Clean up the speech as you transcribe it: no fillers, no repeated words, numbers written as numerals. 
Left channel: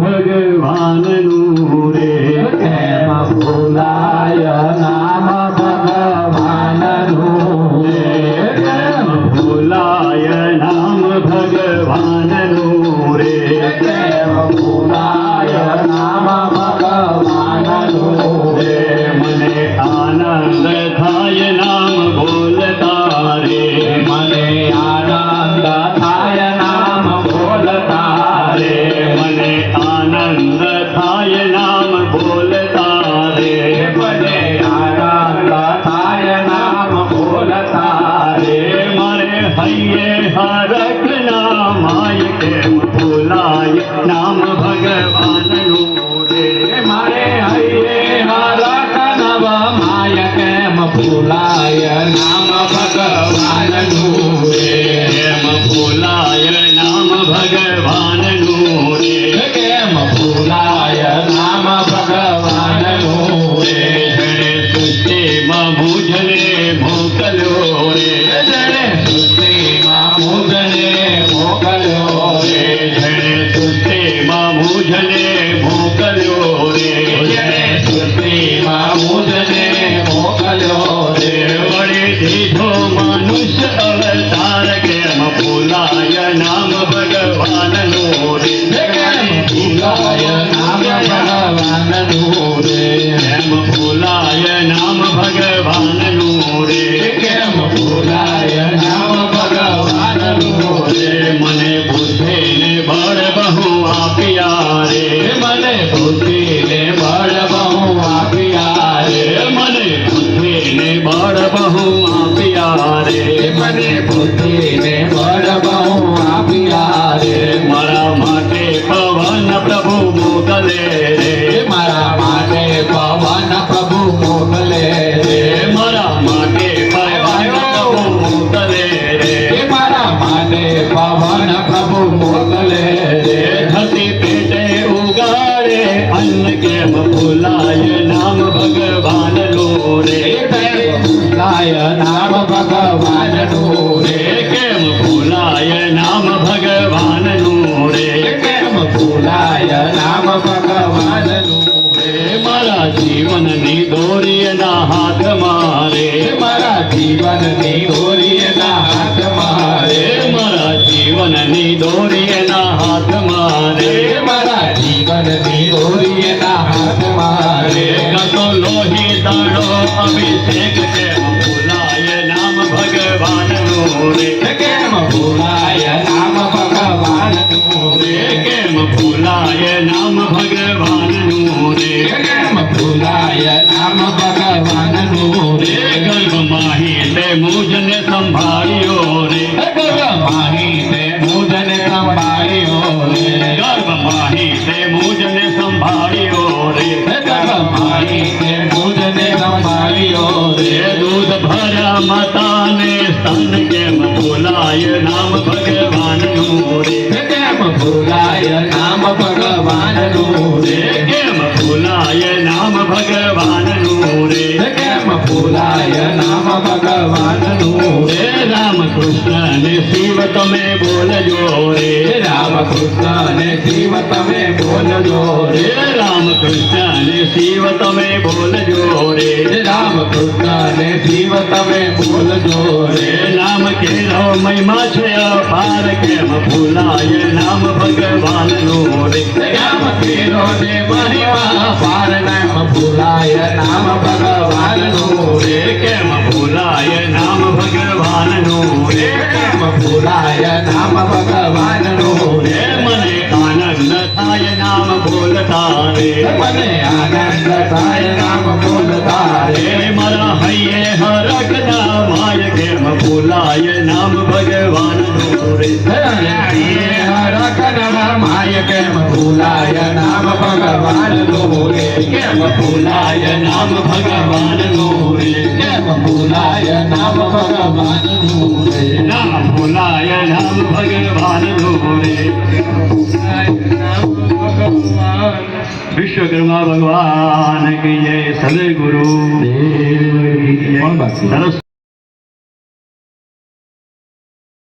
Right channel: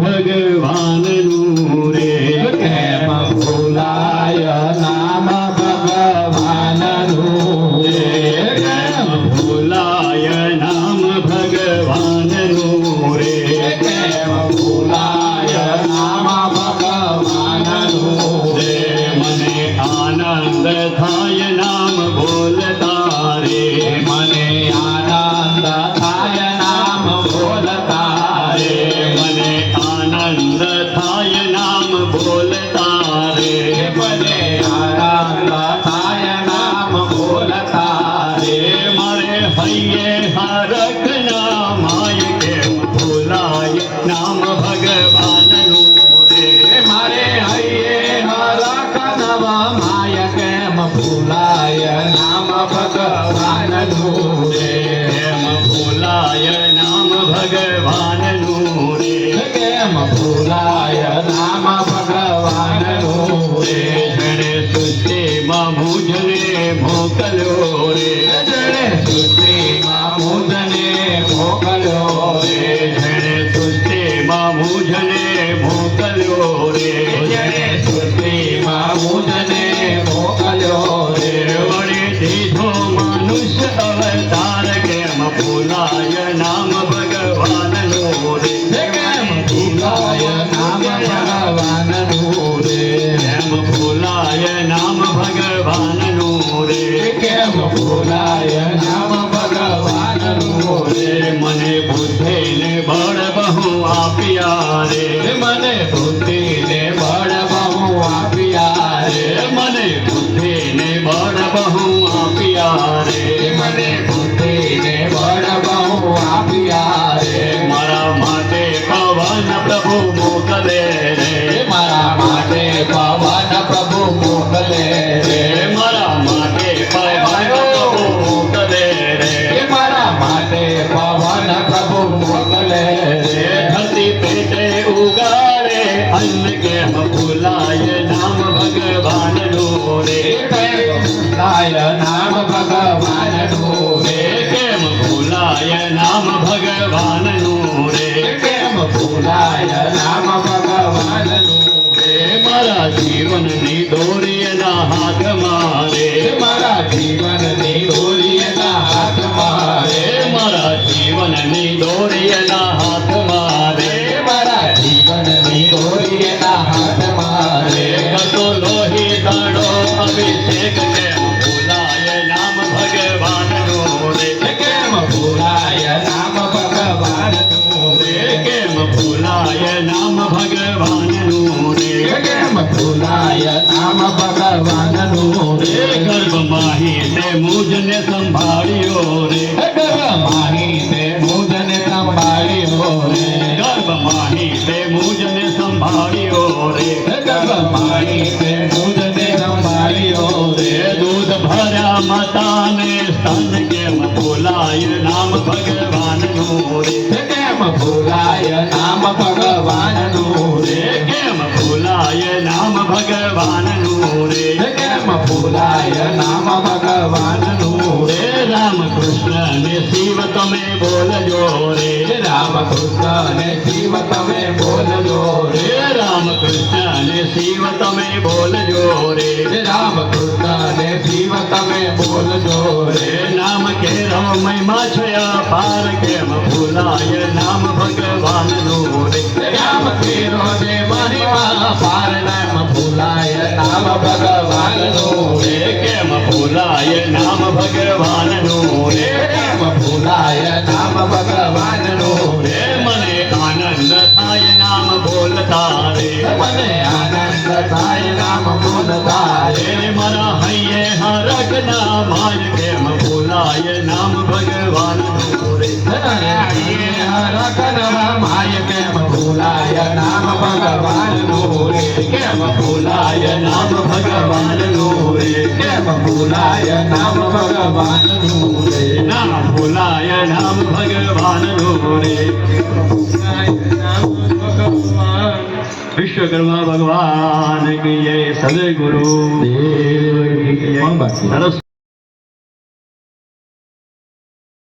ભગવાનનું રે કેમ ભૂલાય નામ ભગવાનનું રે કેમ ભૂલાય નામ ભગવાનનું રે કેમ ભૂલાય નામ ભગવાનનું રે મને આનંદ થાય નામ બોલતા રે મને આનંદ થાય નામ બોલતા રે મને આનંદ થાય નામ બોલતા રે મને આનંદ થાય નામ બોલતા રે મારે હૈયે હરખ નામાય કેમ ભૂલાય નામ ભગવાનનું રે મારે હૈયે હરખ નવ માય કેમ ભૂલાય નામ ભગવાનનું રે કેમ ભૂલાય નામ ભગવાનનું રે કેમ ભૂલાય નામ ભગવાનનું રે જણે સૃષ્ટિમાં મુજને મોકલ્યો રે જણે સૃષ્ટિમાં મુજને મોકલ્યો રે જણે સૃષ્ટિમાં મુજને મોકલ્યો રે જણે સૃષ્ટિમાં મુજને મોકલ્યો રે વળી દીધો મનુષ્ય અવતાર કેમ ભૂલાય નામ ભગવાનનું રે કેમ ભૂલાય નામ ભગવાનનું રે કેમ ભૂલાય નામ ભગવાનનું રે કેમ ભૂલાય નામ ભગવાનનું રે મને બુદ્ધિને બળ બહુ આપ્યા રે મને બુદ્ધિને બળ બહુ આપ્યા રે મને બુદ્ધિને બળ બહુ આપ્યા રે મને બુદ્ધિને બળ બહુ આપ્યા રે મારા માટે પવન પ્રભુ મોકલે રે મારા માટે પવન પ્રભુ મોકલે રે મારા માટે પવન પ્રભુ મોકલે રે મારા માટે પવન પ્રભુ મોકલે રે ધરતી પેટે ઉગાડે અન્ન કેમ ભૂલાય નામ ભગવાનનું રે ભૂલાય નામ ભગવાનનું રે કેમ ભૂલાય નામ ભગવાનનું રે કેમ ભૂલાય નામ ભગવાનનું રે મારા જીવનની દોરીના હાથમાં રે મારા જીવનની દોરીના હાથમાં રે મારા જીવનની દોરીના હાથમાં રે મારા જીવનની દોરીના હાથમાં રે કરતો લોહી દાડો અભિષેક કેમ ભૂલાય નામ ભગવાનનું રે કેમ ભૂલાય નામ ભગવાનનું રે કેમ ભૂલાય નામ ભગવાનનું રે કેમ ભૂલાય નામ ભગવાનનું રે ગર્ભમાહી તે મુજને સંભાળ્યો રે ગર્ભમાહી તે મુજને સંભાળ્યો રે ગર્ભમાહી તે મુજને સંભાળ્યો રે ગર્ભમાહી તે મુજને સંભાળ્યો રે દૂધ ભર્યા માતાને સ્તન કેમ ભૂલાય નામ ભગવાનનું રે કેમ ભૂલાય નામ ભગવાનનું રે કેમ ભૂલાય નામ ભગવાનનું રે કેમ ભૂલાય નામ ભગવાનનું રે રામ કૃષ્ણ ને શિવ તમે બોલજો રે રામ કૃષ્ણ ને શિવ તમે બોલજો રે રામ કૃષ્ણ ને શિવ તમે બોલજો રે રામ કૃષ્ણ ને શિવ તમે બોલજો રે નામ કેરો મહિમા છે અપાર કેમ ભૂલાય નામ ભગવાનનું રે રામ કેરો ને મહિમા પાર નામ ભૂલાય નામ ભગવાનનું રે કેમ ભૂલાય નામ ભગવાનનું રે કેમ ભૂલાય નામ ભગવાનનું રે મને આનંદ થાય નામ બોલતા રે મને આનંદ થાય નામ બોલતા રે મારા હૈયે હરખ નામાય કેમ ભૂલાય નામ ભગવાનનું રે માય કેમ ભૂલાય નામ ભગવાનનું રે કેમ ભૂલાય નામ ભગવાનનું રે કેમ ભૂલાય નામ ભગવાનનું રે નામ ભૂલાય નામ ભગવાનનું રે વિશ્વકર્મા ભગવાન કી જય સદગુરુ દેવ સરસ